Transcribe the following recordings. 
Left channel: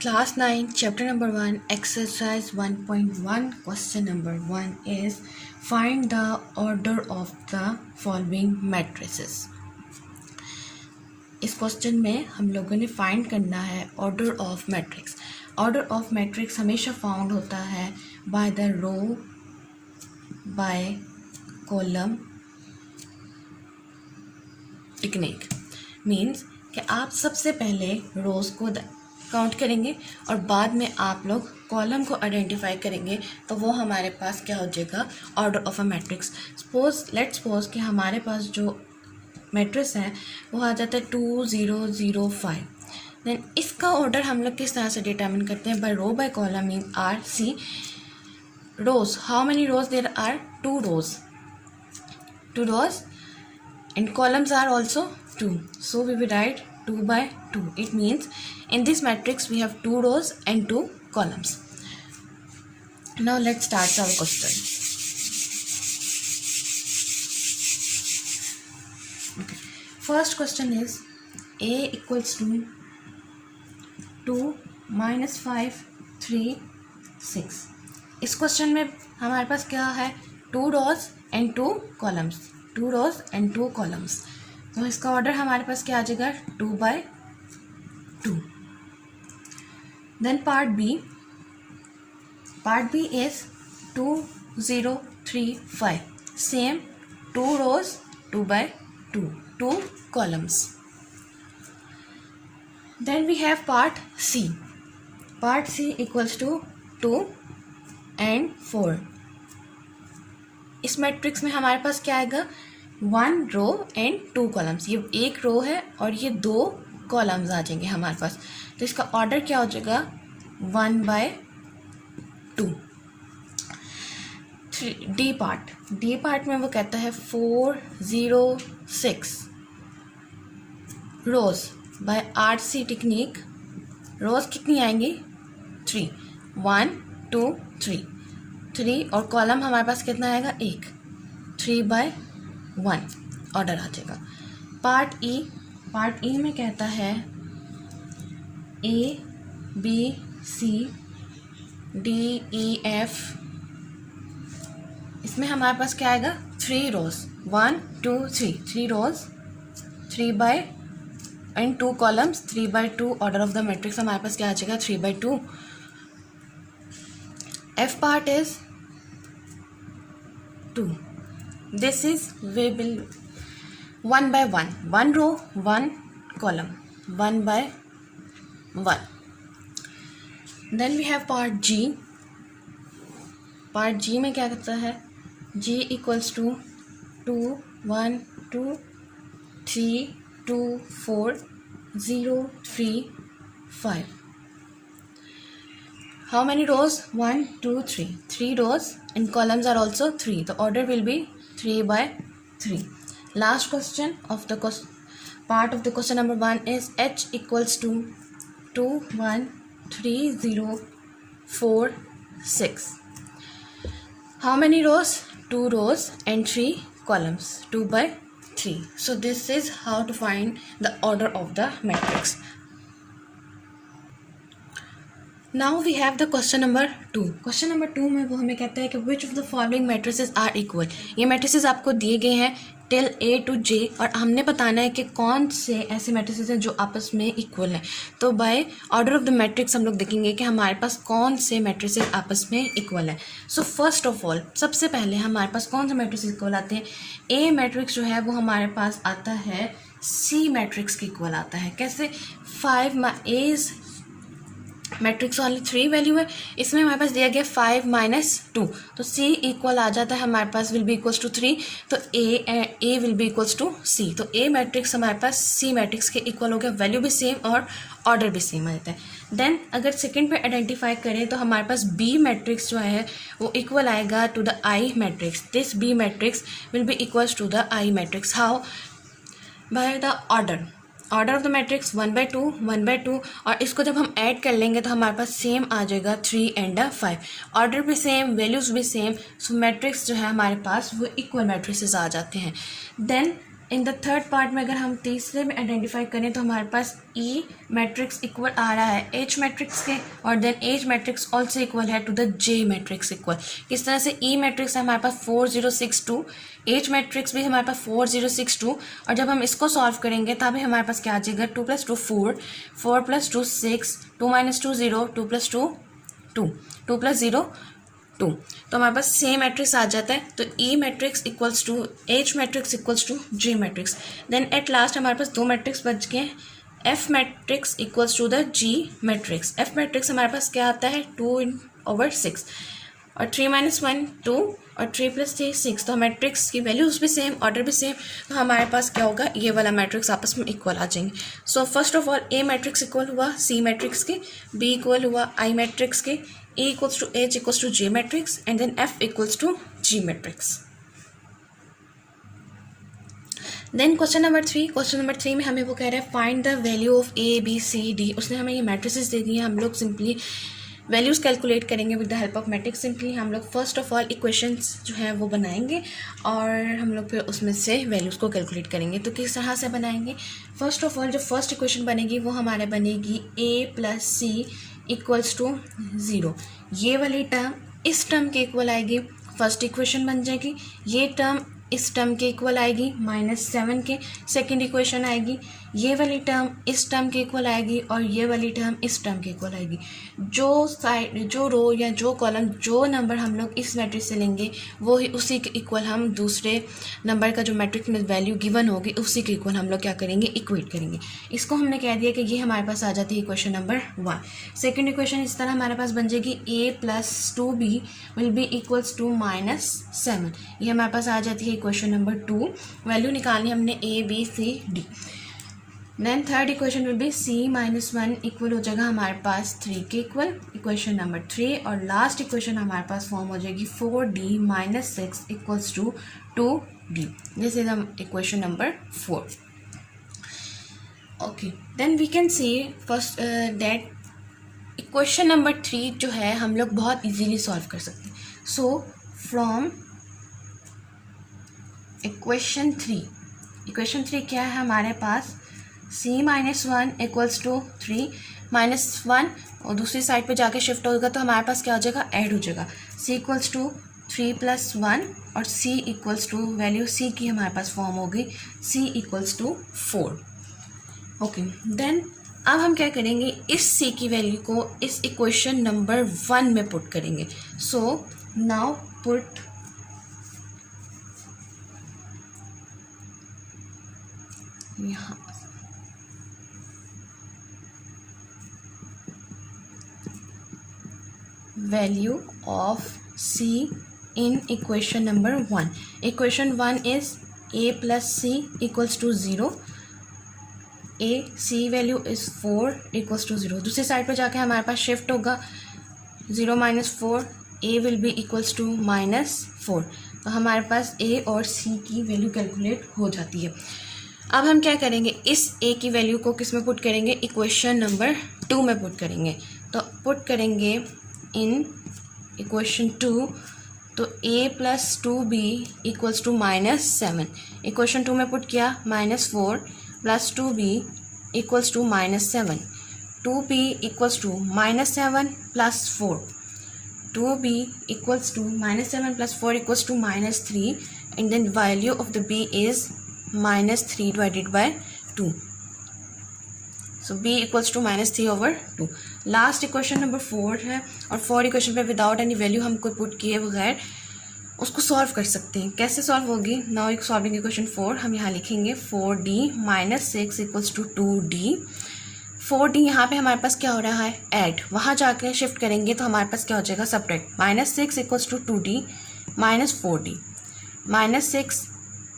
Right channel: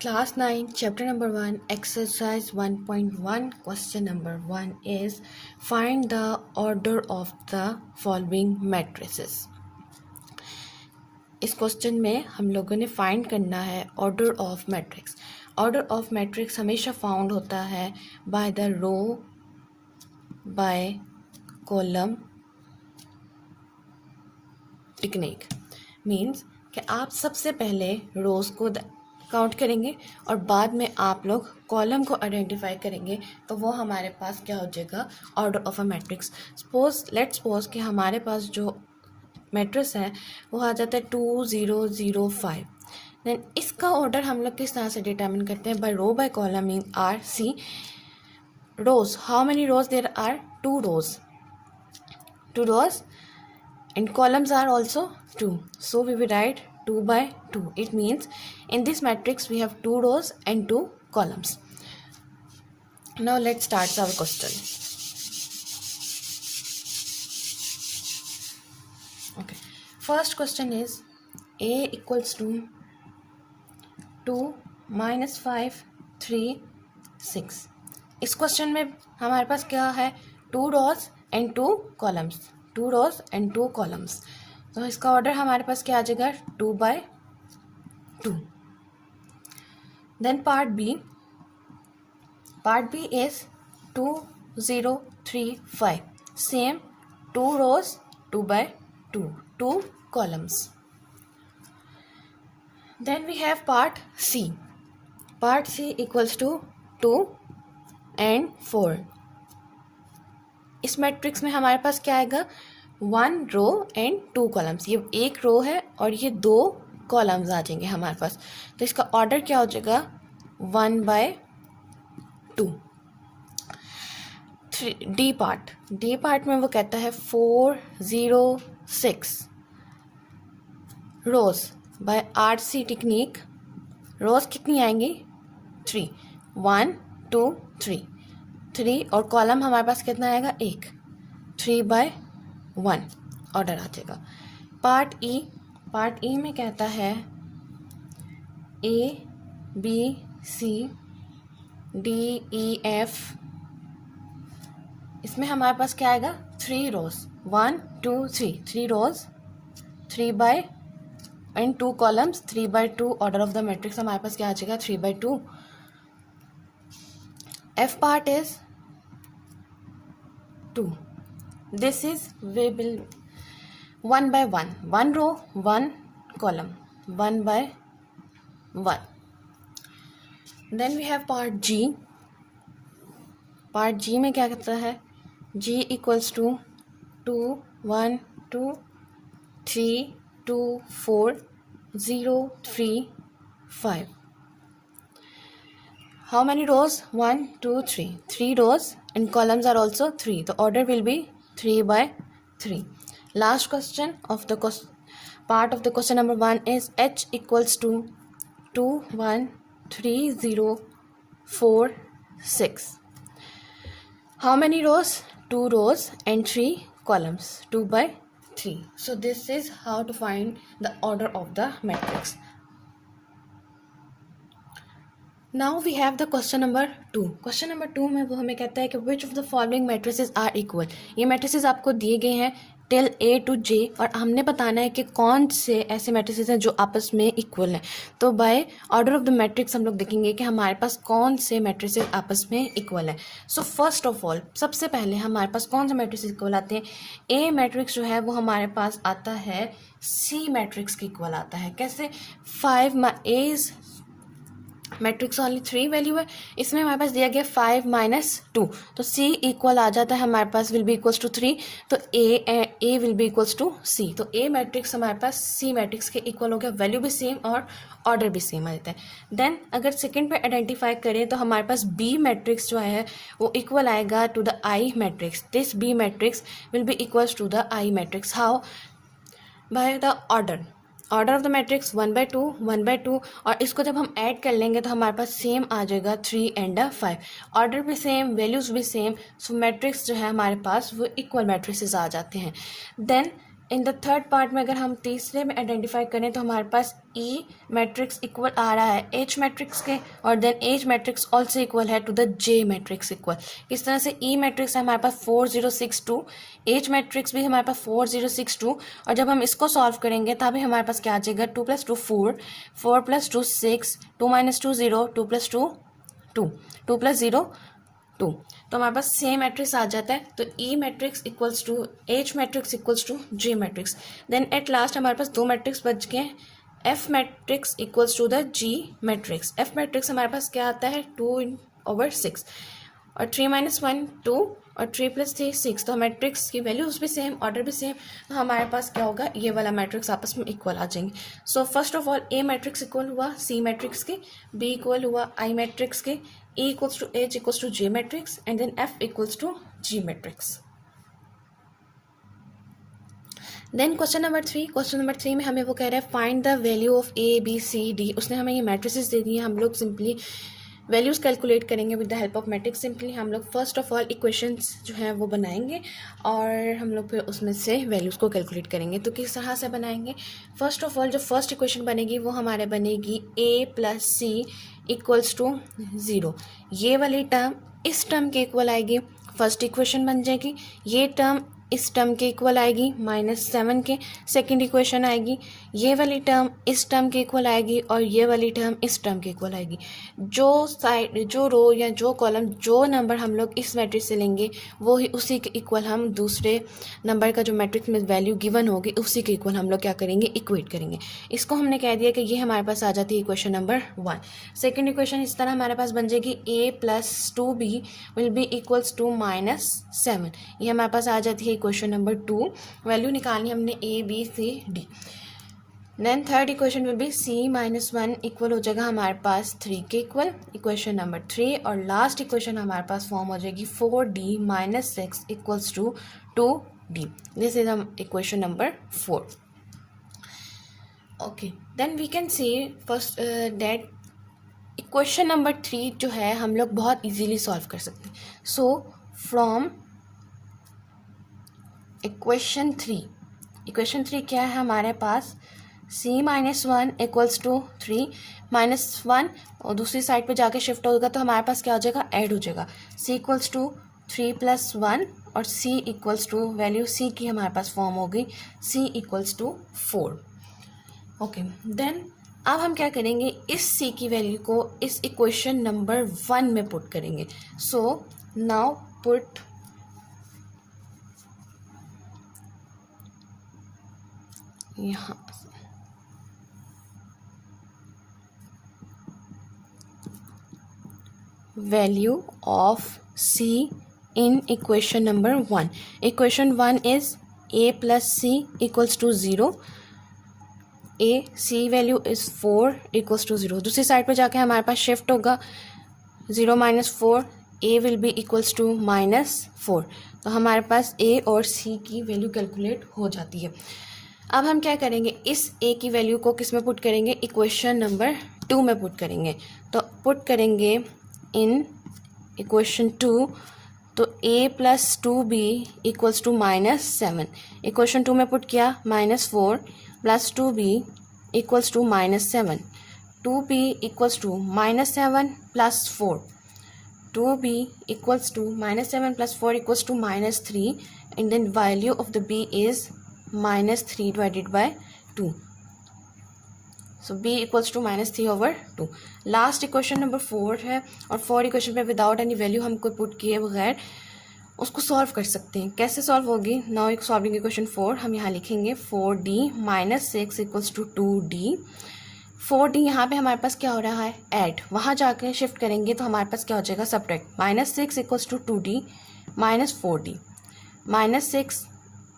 Class 9, chapter number 1, exercise 1.1, question number 1 is find the order of the following matrices. इस question में हम लोगों ने फाइंड करना है order of matrix. Order of matrix हमेशा फाउंड होता है by the row by column technique. Means कि आप सबसे पहले रोज़ को काउंट करेंगे और बाद में आप लोग कॉलम को आइडेंटिफाई करेंगे, तो वो हमारे पास क्या हो जाएगा, order of a matrix. Let's suppose कि हमारे पास जो मैट्रिक्स है वो आ जाता है 2 0 0 5. देन इसका ऑर्डर हम लोग किस तरह से डिटर्मिन करते हैं, by row by column. Mean R C rows. How many rows there are? 2 rows. 2 rows and columns are also 2, so we will write 2 by 2. It means in this matrix we have 2 rows and 2 columns. Now let's start our question. Okay, first question is a equals to 2 minus 5 3 6. इस question में हमारे पास क्या है, 2 rows and 2 columns. 2 rows and 2 columns. तो इसका order हमारे पास क्या आ जाएगा, 2 by 2. Then part B is 2 0 3 5. Same 2 rows 2 by 2, 2 columns. Then we have part C. Part C equals to 2 and 4. इस मैट्रिक्स में हमारे पास क्या आएगा, 1 रो एंड 2 कॉलम्स. ये एक रो है और ये 2 कॉलम्स आ जाएंगे हमारे पास. तो इसका ऑर्डर क्या हो जाएगा, 1 by 2. डी पार्ट में वो कहता है 4 0 6 रोज. बाय RC टेक्निक रोज कितनी आएंगी, 3. 1 2 3 और कॉलम हमारे पास कितना आएगा, 1. 3 by 1 ऑर्डर आ जाएगा. पार्ट ई में कहता है ABCDEF. इसमें हमारे पास क्या आएगा, 3 rows 1 2 3 rows 3 by and 2 columns 3 by 2. Order of the matrix हमारे पास क्या आ जाएगा, 3 by 2. F part is 2. This is we will 1 by 1. 1 row 1 column 1 by 1. Then we have part G. Part G में क्या करता है, G equals to 2 1 2 3 2 4 0 3 5. How many rows, 1 2 3 rows and columns are also 3. The order will be 3 by 3. Last question of the part of the question number 1 is H equals to 2 1 3 0 4 6. How many rows, 2 rows and 3 columns, 2 by 3. So this is how to find the order of the matrix. Now we have the question number 2. Question number 2 में वो हमें कहता है कि which of the following matrices are equal. ये matrices आपको दिए गए हैं टिल A to J और हमने बताना है कि कौन से ऐसे matrices हैं जो आपस में इक्वल हैं. तो by order of the matrix हम लोग देखेंगे कि हमारे पास कौन से matrices आपस में इक्वल हैं. सो फर्स्ट ऑफ ऑल सबसे पहले हमारे पास कौन से matrices इक्वल आते हैं, A मैट्रिक्स जो है वो हमारे पास आता है C मैट्रिक्स के इक्वल आता है. कैसे, 5 A इज मैट्रिक्स वाली 3 वैल्यू है, इसमें हमारे पास दिया गया 5 minus 2. तो C इक्वल आ जाता है हमारे पास, विल बी इक्वल्स टू 3. तो A will be equals to C. तो A मैट्रिक्स हमारे पास C मैट्रिक्स के इक्वल हो गया, वैल्यू भी सेम और ऑर्डर भी सेम आ जाता है. देन अगर सेकंड पे आइडेंटिफाई करें तो हमारे पास B मैट्रिक्स जो है वो इक्वल आएगा to the I matrix. This B matrix will be equals to the I matrix. How, by the order of the matrix 1 by 2 1 by 2. और इसको जब हम ऐड कर लेंगे तो हमारे पास सेम आ जाएगा 3 and 5. ऑर्डर भी सेम, वैल्यूज़ भी सेम. सो मैट्रिक्स जो है हमारे पास वो इक्वल मैट्रिक्स आ जाते हैं. Then in the third part में अगर हम तीसरे में आइडेंटिफाई करें तो हमारे पास ई मैट्रिक्स इक्वल आ रहा है एच मैट्रिक्स के, और then H matrix also equal है to the J matrix equal. किस तरह से ई मैट्रिक्स है हमारे पास 4062, एच मैट्रिक्स भी हमारे पास 4062, और जब हम इसको सॉल्व करेंगे तभी हमारे पास क्या आ जाएगा 2 + 2 4, 4 + 2 6, 2 - 2 0, 2 + 2 2, 2 + 0 2, तो हमारे पास सेम मैट्रिक्स आ जाता है। तो E matrix equals to H matrix equals to J matrix. Then at last हमारे पास दो मैट्रिक्स बच गए, F matrix equals to the G matrix. F matrix हमारे पास क्या आता है 2/6, और 3 - 1 2, और 3 + 3 6, तो मैट्रिक्स की वैल्यूज भी सेम, ऑर्डर भी सेम, तो हमारे पास क्या होगा ये वाला मैट्रिक्स आपस में इक्वल आ जाएंगे। So first of all A matrix equal हुआ सी मैट्रिक्स के, बी इक्वल हुआ आई मैट्रिक्स के, A equals to H equals to J matrix, and then F equals to G matrix. Then question number 3, question number 3 में हमें वो कह रहा है find the value of A B C D। उसने हमें ये मैट्रिसेस दे दिए, हम लोग सिंपली वैल्यूज़ कैलकुलेट करेंगे with the help of matrix. Simply हम लोग फर्स्ट ऑफ ऑल इक्वेशंस जो हैं वो बनाएंगे और हम लोग फिर उसमें से वैल्यूज़ को कैलकुलेट करेंगे। तो किस तरह से बनाएंगे, फर्स्ट ऑफ ऑल जो फर्स्ट इक्वेशन बनेगी वो हमारे बनेगी A + C इक्वल्स टू 0। ये वाली टर्म इस टर्म के इक्वल आएगी, फर्स्ट इक्वेशन बन जाएगी। ये टर्म इस टर्म के इक्वल आएगी -7 के, सेकंड इक्वेशन आएगी। ये वाली टर्म इस टर्म के इक्वल आएगी और ये वाली टर्म इस टर्म के इक्वल आएगी। जो साइड जो रो या जो कॉलम जो नंबर हम लोग इस मैट्रिक्स से लेंगे वो ही उसी के इक्वल हम दूसरे नंबर का जो मैट्रिक्स में वैल्यू गिवन होगी उसी के इक्वल हम लोग क्या करेंगे इक्वेट करेंगे। इसको हमने कह दिया कि ये हमारे पास आ जाती है इक्वेशन नंबर 1। सेकेंड इक्वेशन इस तरह हमारे पास बन जाएगी A + 2B will be equals to -7। ये हमारे पास आ जाती है इक्वेशन नंबर 2। वैल्यू निकालनी हमने A B C D। Then third equation will be C - 1 equal हो जाएगा हमारे पास 3 के इक्वल, इक्वेशन नंबर 3। और लास्ट इक्वेशन हमारे पास फॉर्म हो जाएगी 4D - 6 equals to 2D। This is equation number 4। Okay, then we can see first that equation number 3 जो है हम लोग बहुत इजीली सॉल्व कर सकते हैं। सो फ्रॉम इक्वेशन 3 क्या है हमारे पास C - 1 इक्वल्स टू 3 -1, और दूसरी साइड पे जाके शिफ्ट होगा तो हमारे पास क्या हो जाएगा ऐड हो जाएगा। C इक्वल्स टू 3 + 1, और C equals to value C की हमारे पास फॉर्म हो गई C equals to 4। Okay, then अब हम क्या करेंगे इस C की वैल्यू को इस इक्वेशन नंबर 1 में पुट करेंगे। सो नाउ पुट यहाँ value of C in equation number 1. Equation 1 is A + C equals to 0. A C value is 4 equals to 0. दूसरी साइड पे जाके हमारे पास शिफ्ट होगा 0 - 4, A will be equals to -4। तो हमारे पास A और C की वैल्यू कैलकुलेट हो जाती है। अब हम क्या करेंगे इस A की वैल्यू को किस में पुट करेंगे इक्वेशन नंबर 2 में पुट करेंगे। तो पुट करेंगे इन इक्वेशन 2, तो A + 2B equals to -7। Equation 2 में पुट किया -4 + 2B equals to -7, 2B equals to -7 + 4, 2B equals to -7 + 4 equals to -3, and then value of the B is -3 divided by 2. So B equals to -3/2। Last equation number 4 है, और 4 equation पे without any value हमको put किए बगैर उसको solve कर सकते हैं। कैसे सॉल्व होगी, नाउ एक सॉल्विंग इक्वेशन 4 हम यहाँ लिखेंगे 4D - 6 equals to 2D। 4D यहाँ पे हमारे पास क्या हो रहा है ऐड, वहाँ जाके शिफ्ट करेंगे तो हमारे पास क्या हो जाएगा subtract, -6 equals to 2D -4D, -6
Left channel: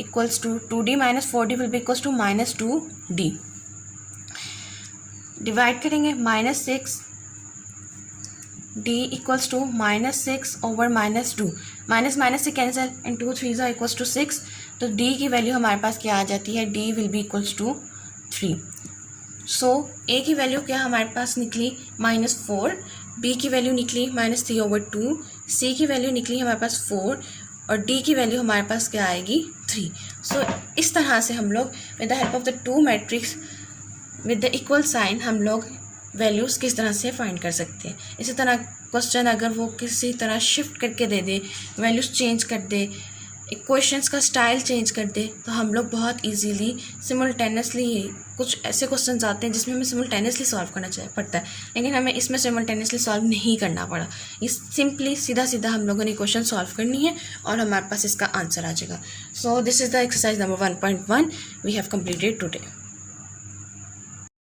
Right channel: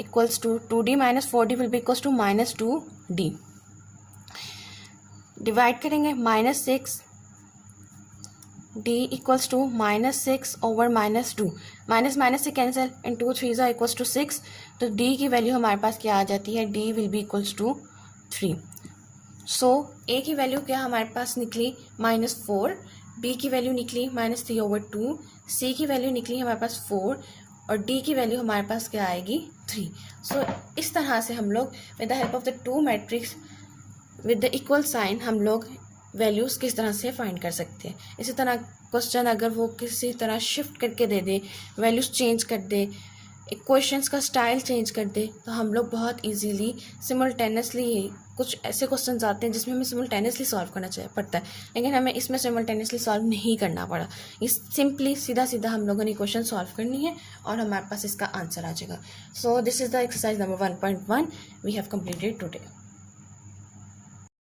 equals to 2D - 4D will be equals to -2D। Divide करेंगे -6 D इक्वल्स टू -6/-2, माइनस से कैंसिल, एंड 2 3 इक्वल्स टू 6, तो D की वैल्यू हमारे पास क्या आ जाती है D will be equals to 3। So A की वैल्यू क्या हमारे पास निकली -4, B की वैल्यू निकली -3/2, C की वैल्यू निकली हमारे पास 4, और डी की वैल्यू हमारे पास क्या आएगी 3। सो इस तरह से हम लोग with the help of the two matrix with the equal sign हम लोग वैल्यूज़ किस तरह से फाइंड कर सकते हैं। इसी तरह क्वेश्चन अगर वो किसी तरह शिफ्ट करके दे दे, वैल्यूज़ चेंज कर दे, क्वेश्चंस का स्टाइल चेंज कर दे, तो हम लोग बहुत इजीली सिमुल्टेनियसली, कुछ ऐसे क्वेश्चंस आते हैं जिसमें हमें सिमुल्टेनियसली सॉल्व करना पड़ता है, लेकिन हमें इसमें सिमुल्टेनियसली सॉल्व नहीं करना पड़ा। इस सिंपली सीधा सीधा हम लोगों ने क्वेश्चन सॉल्व करनी है और हमारे पास इसका आंसर आ जाएगा। So this is the exercise number 1.1 we have completed today.